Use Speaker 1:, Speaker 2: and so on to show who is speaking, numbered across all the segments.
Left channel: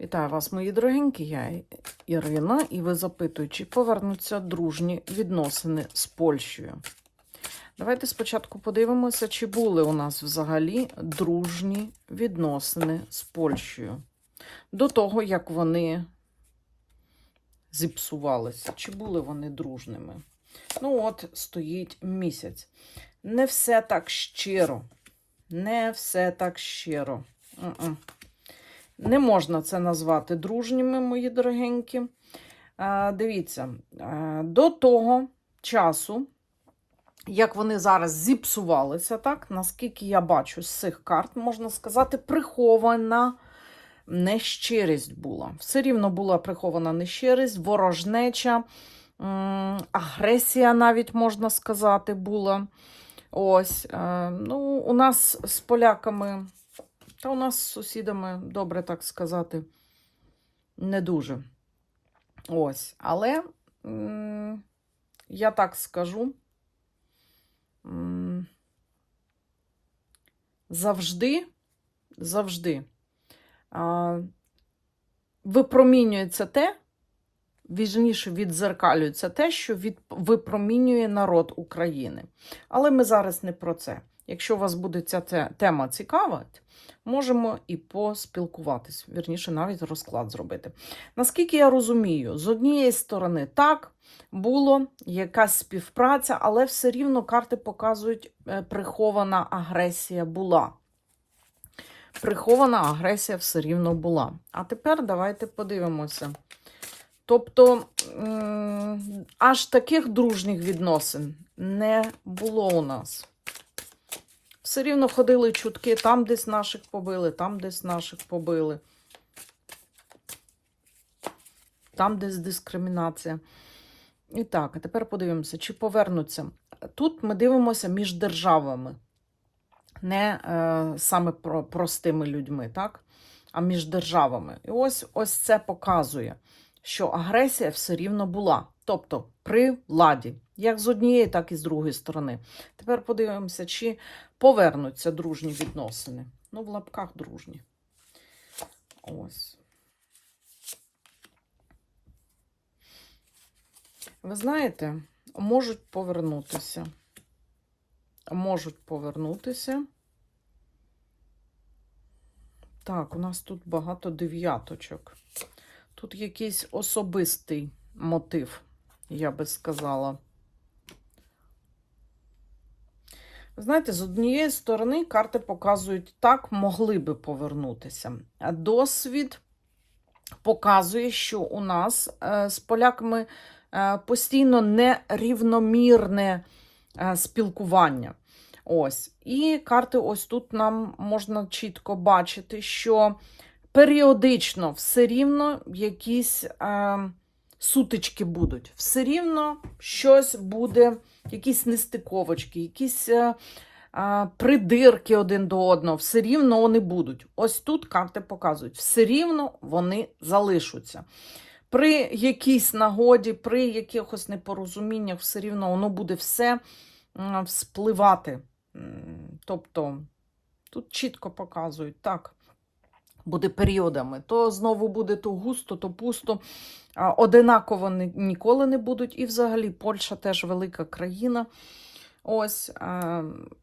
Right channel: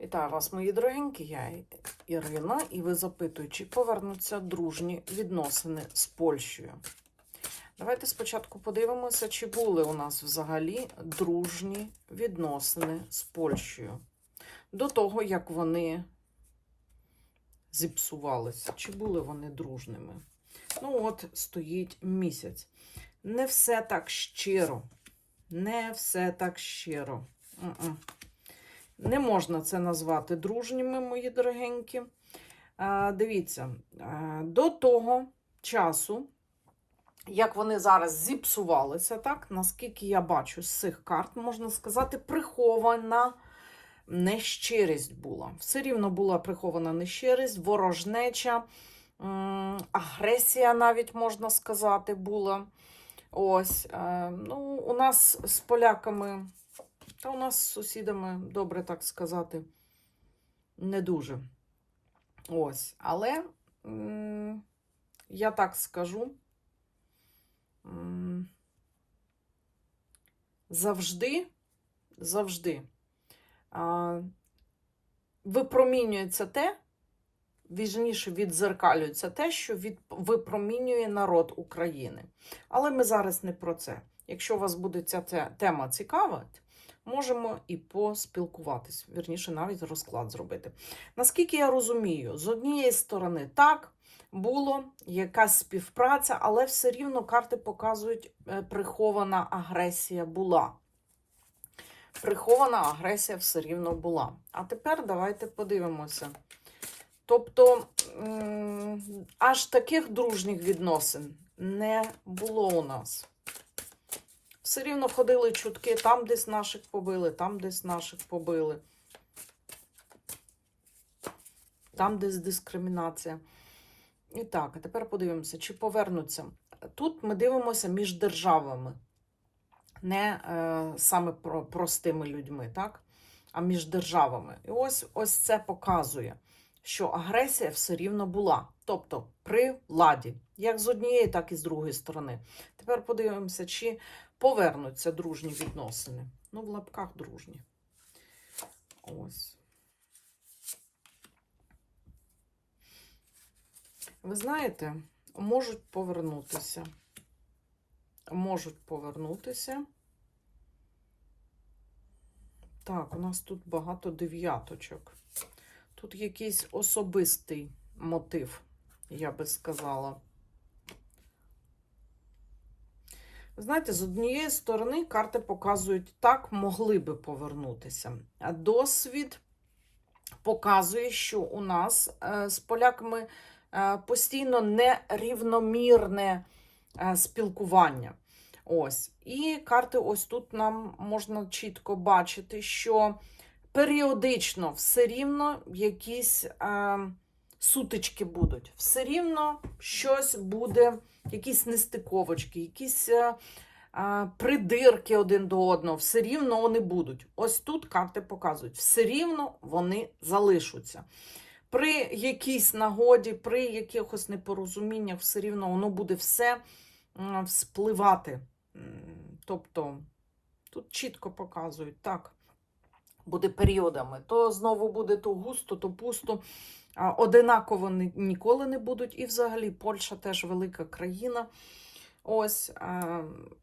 Speaker 1: Вітаю вас, мої дорогенькі. Я Ірина, і ви запитуєте, чи повернуться дружні відносини з Польщею. Давайте спочатку подивимося, чи були у нас взагалі дружні відносини з Польщею. До того, як вони зіпсувалися, чи були вони дружними. Ну, от стоїть місяць. Не все так щиро. Не все так щиро. М-м. Не можна це назвати дружніми, мої дорогенькі. Е, Дивіться, е, до того часу, як вони зараз зіпсувалися, так, наскільки я бачу з цих карт, можна сказати, прихована нещирість була. Все рівно була прихована нещирість, ворожнеча, агресія, навіть можна сказати, була. Ось, е, ну, у нас з поляками. Та у нас з сусідами, добре так сказати, не дуже. Ось. Але я так скажу. Завжди, завжди випромінюється те, віжніше відзеркалюється те, що від, випромінює народ України. Але ми зараз не про це. Якщо у вас буде ця те- тема цікавить, можемо і поспілкуватись, вірніше, навіть розклад зробити. Наскільки я розумію, з однієї сторони, так, було якась співпраця, але все рівно карти показують, е, прихована агресія була. Прихована агресія все рівно була. А тепер давайте подивимося. Тобто, аж таких дружніх відносин не було у нас. Все рівно ходили чутки, там десь наших побили, там десь наших побили. Там десь дискримінація. І так, а тепер подивимося, чи повернуться. Тут ми дивимося між державами, не е, саме про, простими людьми, так? а між державами. І ось, ось це показує, що агресія все рівно була. Тобто при владі, як з однієї, так і з другої сторони. Тепер подивимося, чи повернуться дружні відносини. Ну, в лапках дружні. Ось. Ви знаєте, можуть повернутися. Можуть повернутися. Так, у нас тут багато дев'яточок. Тут якийсь особистий мотив, я би сказала. Знаєте, з однієї сторони карти показують так, могли би повернутися. Досвід показує, що у нас е, з поляками е, постійно нерівномірне е, спілкування. Ось. І карти ось тут нам можна чітко бачити, що періодично все рівно якісь сутички будуть. Все рівно щось буде, якісь нестиковочки, якісь е, е, придирки один до одного, все рівно вони будуть. Ось тут карти показують, все рівно вони залишаться. При якійсь нагоді, при якихось непорозуміннях, все рівно воно буде все м, вспливати. Тобто тут чітко показують, так, буде періодами. То знову буде то густо, то пусто. Одинаково ні- ніколи не будуть. І взагалі Польща теж велика країна. Ось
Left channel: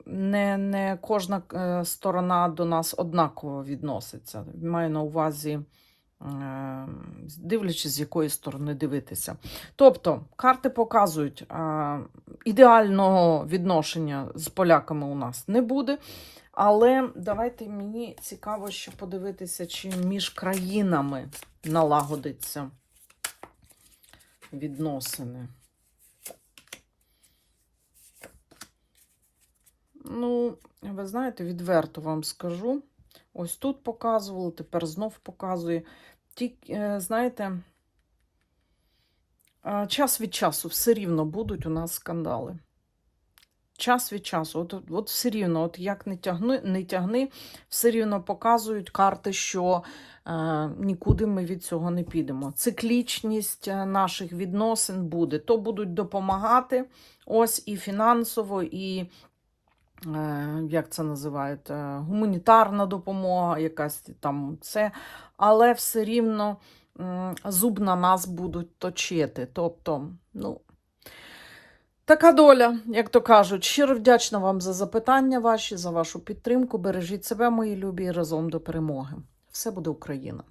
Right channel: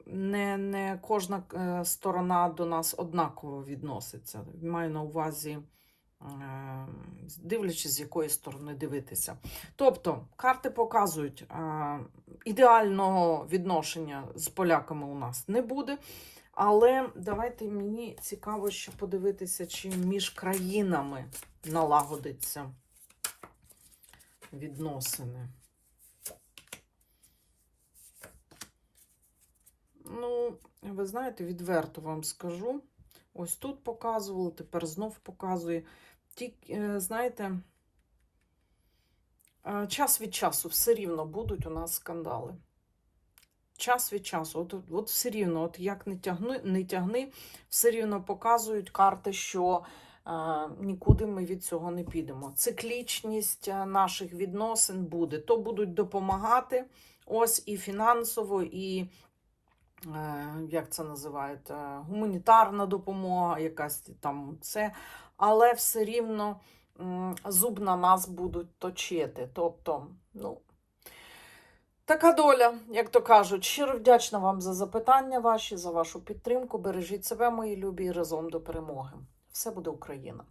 Speaker 1: не, не кожна е, сторона до нас однаково відноситься. Маю на увазі, е, дивлячись, з якої сторони дивитися. Тобто, карти показують, ідеального відношення з поляками у нас не буде. Але давайте мені цікаво ще подивитися, чи між країнами налагодиться відносини. Ну, ви знаєте, відверто вам скажу. Ось тут показувало, тепер знов показує. Тільки, е, знаєте, е, час від часу все рівно будуть у нас скандали. Час від часу, от, от все рівно, от як не тягни, не тягни, все рівно показують карти, що е, нікуди ми від цього не підемо. Циклічність е, наших відносин буде. То будуть допомагати, ось і фінансово, і е, як це називають, е, гуманітарна допомога, якась там це. але все рівно зуб на нас будуть точити. Тобто, ну, така доля, як то кажуть. Щиро вдячна вам за запитання ваші, за вашу підтримку. Бережіть себе, мої любі, разом до перемоги. Все буде Україна!